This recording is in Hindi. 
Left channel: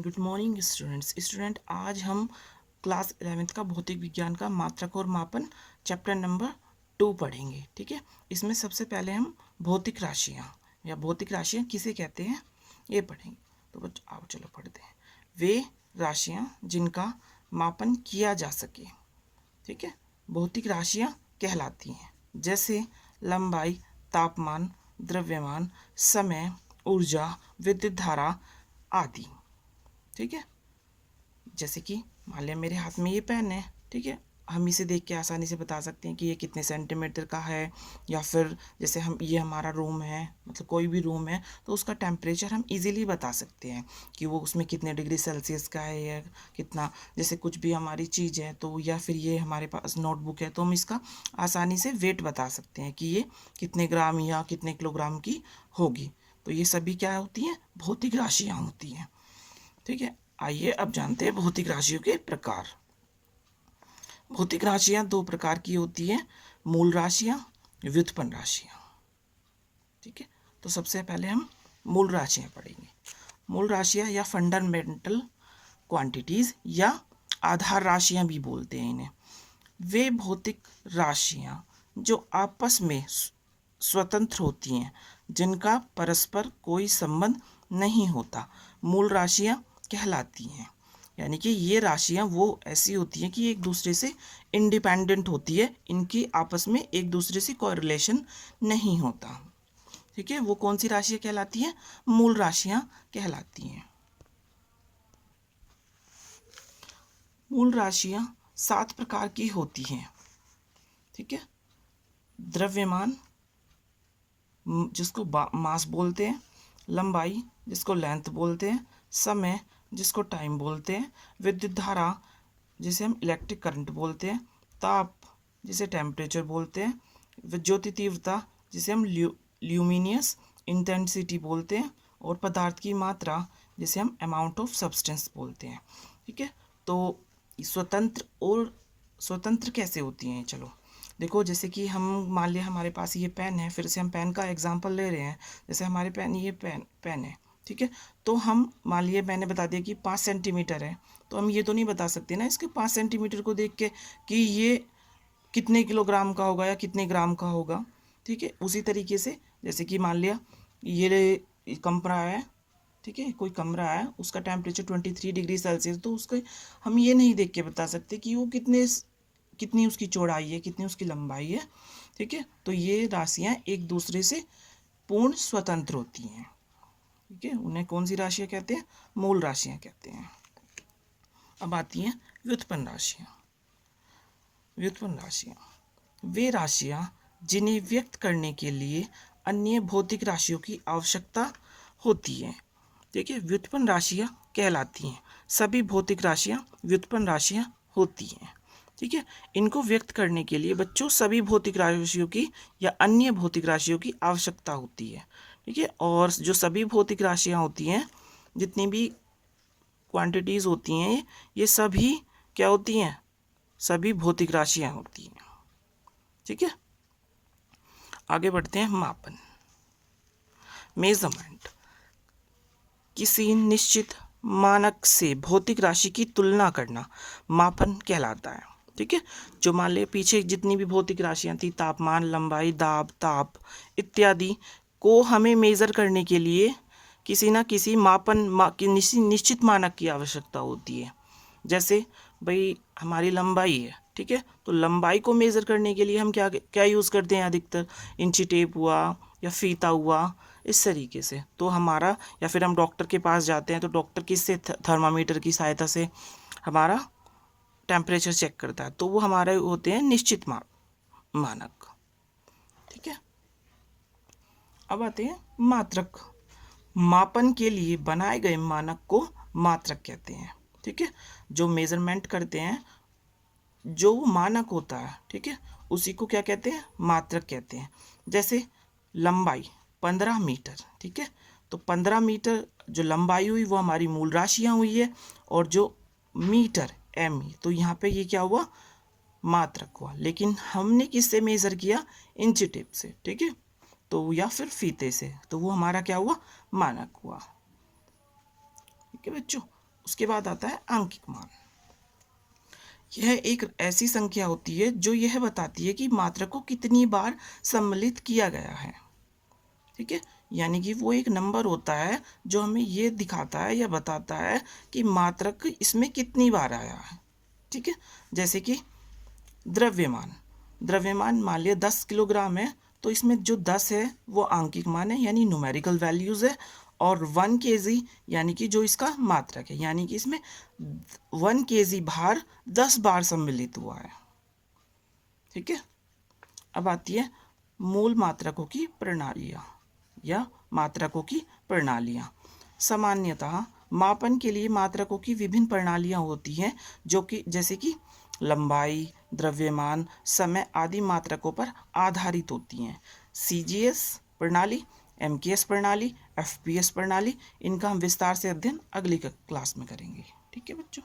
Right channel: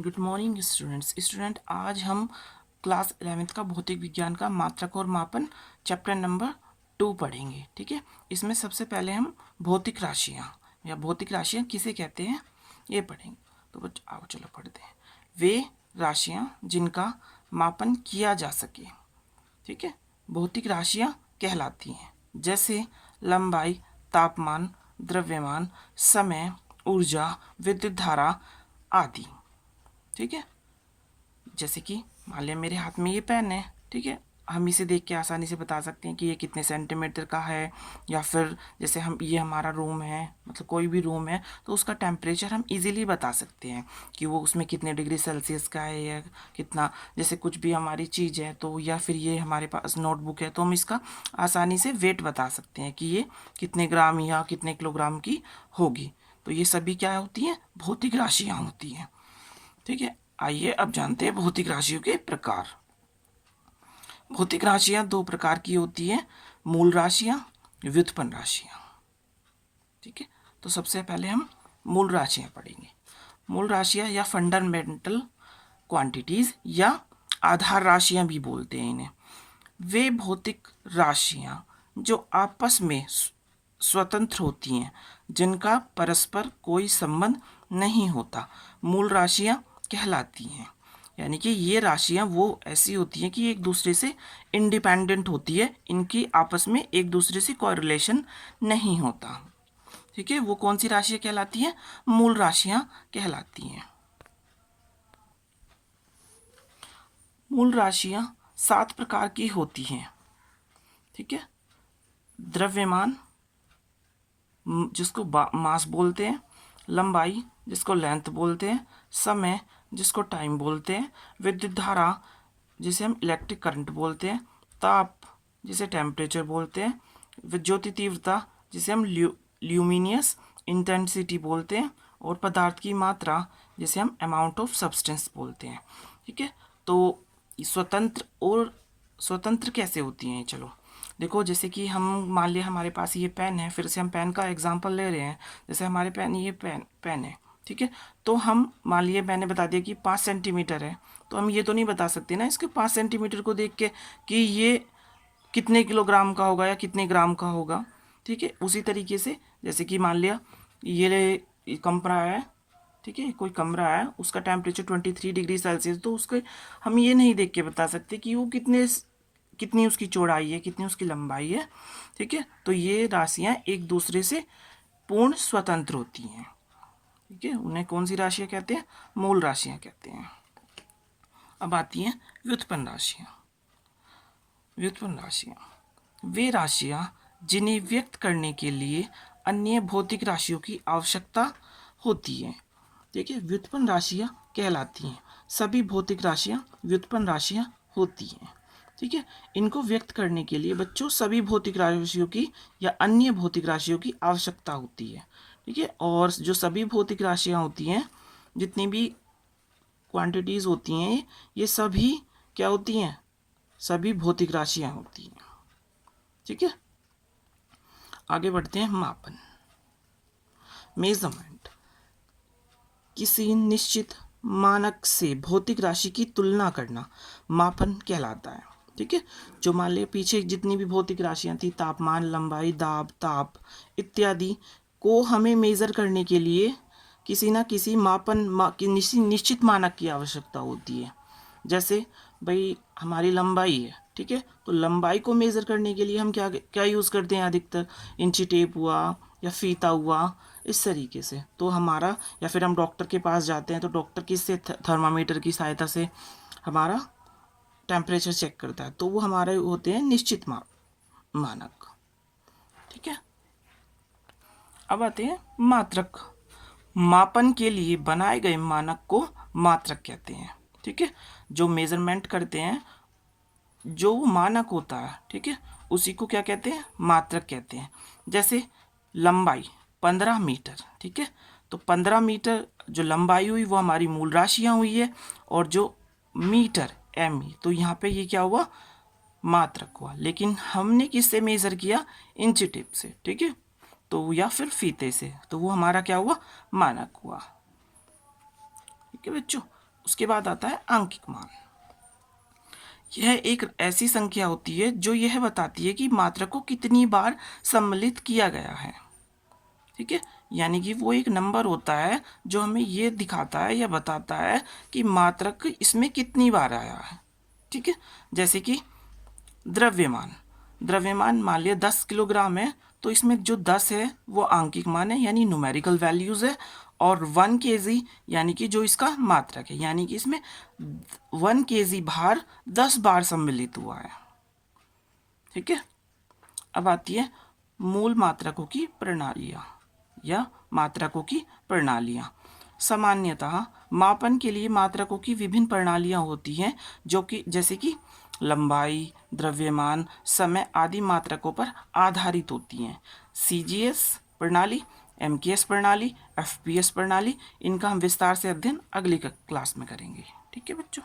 गुड मॉर्निंग स्टूडेंट आज हम क्लास 11th का भौतिक विज्ञान का मात्रक और मापन चैप्टर नंबर 2 पढ़ेंगे। ठीक है, इसमें सबसे पहले हम भौतिक राशियाँ या भौतिक राशियाँ किसे कहते हैं ये पढ़ेंगे। तो बच्चों आओ चलो पढ़ते हैं। वे राशियाँ जिनका मापन किया जा सके, ठीक है, भौतिक राशियाँ कहलाती हैं। जैसे लंबाई, तापमान, द्रव्यमान, समय, ऊर्जा, विद्युत धारा आदि। ठीक है, जैसे कि मान लिया मेरे हाथ में ये पेन है, ठीक है, हम इसे देख के आसानी से बता सकते हैं कि ये कितने सेंटीमीटर का है। या फिर जैसे हम ये हमारा रूम है, मतलब कोई भी रूम है तो उसका टेम्परेचर हम इजीली बता सकते हैं कि वो उसमें कितने डिग्री सेल्सियस का है या कितना। जैसे कुछ भी हमारी चीज़ है तो, या फिर ये हमारे पास नोटबुक है तो हम इसका आसानी से वेट बता सकते हैं कि ये कितने ग्राम या कितने किलोग्राम की होगी। तो ये सभी क्या होती हैं, भौतिक राशियाँ होती हैं। ठीक है, आइए अब जानते हैं भौतिक राशियों के प्रकार। भौतिक राशियां दो प्रकार की होती हैं, मूल राशियां, व्युत्पन्न राशियां। ठीक है, तो सबसे पहले हम मूल राशियां पढ़ेंगे। मूल राशियां या फंडामेंटल क्वांटिटीज या आधार राशियां भी बोलते हैं इन्हें। वे भौतिक राशियां जो आपस में स्वतंत्र होती हैं, जिनका परस्पर कोई संबंध नहीं होता, मूल राशियां कहलाती हैं। यानी कि ये राशियां वो ऐसी होती हैं कि एक दूसरे से इंडिपेंडेंट होती है, इनकी आपस में एक दूसरे से कोई रिलेशन नहीं होता। ठीक है, वो कौन सी राशियां कहलाती हैं, मूल राशियां कहलाती हैं। मूल राशियां 7 प्रकार की होती हैं। ठीक है, द्रव्यमान जिसको मास बोलते हैं, लंबाई जिसको लेंथ बोलते हैं, समय जिसको टाइम बोलते हैं, विद्युत धारा जिसे हम इलेक्ट्रिक करंट बोलते हैं, ताप जिसे टेम्परेचर बोलते हैं, ज्योति तीव्रता जिसे हम ल्यूमिनियस इंटेंसिटी बोलते हैं, और पदार्थ की मात्रा जिसे हम अमाउंट ऑफ सब्सटेंस बोलते हैं। ठीक है, तो स्वतंत्र कैसे होती हैं, चलो देखो। जैसे कि हम मान लिया हमारे पास ये पेन है, फिर से हम पेन का एग्जांपल ले रहे हैं। जैसे हमारे पेन, ये पेन है, ठीक है, तो हम मान लिए मैंने बता दिया कि 5 सेंटीमीटर है, तो हम ये तो नहीं बता सकते ना इसके 5 सेंटीमीटर को देख के कि ये कितने किलोग्राम का होगा या कितने ग्राम का होगा। ठीक है, उसी तरीके से जैसे कि मान लिया ये कमरा है, ठीक है, कोई कमरा है, उसका टेम्परेचर 23 डिग्री सेल्सियस, तो उसको हम ये नहीं देख के बता सकते कि वो कितनी उसकी चौड़ाई है, कितनी उसकी लंबाई है। ठीक है, तो ये राशियां एक दूसरे से पूर्ण स्वतंत्र होती हैं। ठीक है, उन्हें कौन सी राशियां कहते हैं, मूल राशियां कहते हैं। अब आती हैं व्युत्पन्न राशियां। व्युत्पन्न राशियां वे राशियां जिन्हें व्यक्त करने के लिए अन्य भौतिक राशियों की आवश्यकता होती है। ठीक है, व्युत्पन्न राशियां कहलाती हैं। सभी भौतिक राशियां व्युत्पन्न राशियां होती हैं। ठीक है, इनको व्यक्त करने के लिए बच्चों सभी भौतिक राशियों की या अन्य भौतिक राशियों की आवश्यकता होती है। ठीक है, और जो सभी भौतिक राशियां होती हैं, जितनी भी क्वांटिटीज होती हैं, ये सभी क्या होती हैं, सभी भौतिक राशियां होती हैं। ठीक है, आगे बढ़ते हैं। मापन, मेजरमेंट, किसी निश्चित मानक से भौतिक राशि की तुलना करना मापन कहलाता है। ठीक है, जो मान ले पीछे जितनी भी भौतिक राशियां थी, तापमान, लंबाई, दाब, ताप इत्यादि को हमें मेज़र करने के लिए किसी ना किसी निश्चित मानक की आवश्यकता होती है। जैसे भाई हमारी लंबाई है, ठीक है, तो लंबाई को मेज़र करने के लिए हम क्या क्या यूज़ करते हैं अधिकतर, इंची टेप हुआ या फीता हुआ, इस तरीके से। तो हमारा, या फिर हम डॉक्टर के पास जाते हैं तो डॉक्टर किससे, थर्मामीटर की सहायता से हमारा टेम्परेचर चेक करता है, तो वो हमारे होते हैं निश्चित मानक। ठीक है, अब आते हैं मात्रक। मापन के लिए बनाए गए मानक को मात्रक कहते हैं। ठीक है, जो मेजरमेंट करते हैं, जो मानक होता है, ठीक है, उसी को क्या कहते हैं, मात्रक कहते हैं। जैसे लंबाई 15 मीटर, ठीक है, तो 15 मीटर जो लंबाई हुई वो हमारी मूल राशियाँ हुई है, और जो मीटर एम, तो यहाँ पे ये क्या हुआ, मात्रक हुआ। लेकिन हमने किससे मेज़र किया, इंची टेप से, ठीक है, तो या फिर फीते से, तो वो हमारा क्या हुआ, मानक हुआ। ठीक है बच्चों, उसके बाद आता है आंकिक मान। यह एक ऐसी संख्या होती है जो यह बताती है कि मात्रक को कितनी बार सम्मिलित किया गया है। ठीक है, यानी कि वो एक नंबर होता है जो हमें ये दिखाता है या बताता है कि मात्रक इसमें कितनी बार आया है। ठीक है, जैसे कि द्रव्यमान। द्रव्यमान मान लिया 10 किलोग्राम है, तो इसमें जो 10 है वो आंकिक मान है यानी न्यूमेरिकल वैल्यूज है, और 1 केजी यानी कि जो इसका मात्रक है, यानी कि इसमें 1 केजी भार 10 बार सम्मिलित हुआ है। ठीक है, अब आती है मूल मात्रकों की प्रणालियाँ या मात्रकों की प्रणालियाँ। सामान्यतः मापन के लिए मात्रकों की विभिन्न प्रणालियाँ होती हैं, जो कि जैसे कि लंबाई, द्रव्यमान, समय आदि मात्रकों पर आधारित होती हैं। CGS प्रणाली, MKS प्रणाली, FPS प्रणाली, इनका हम विस्तार से अध्ययन अगली क्लास में करेंगे। ठीक है बच्चों।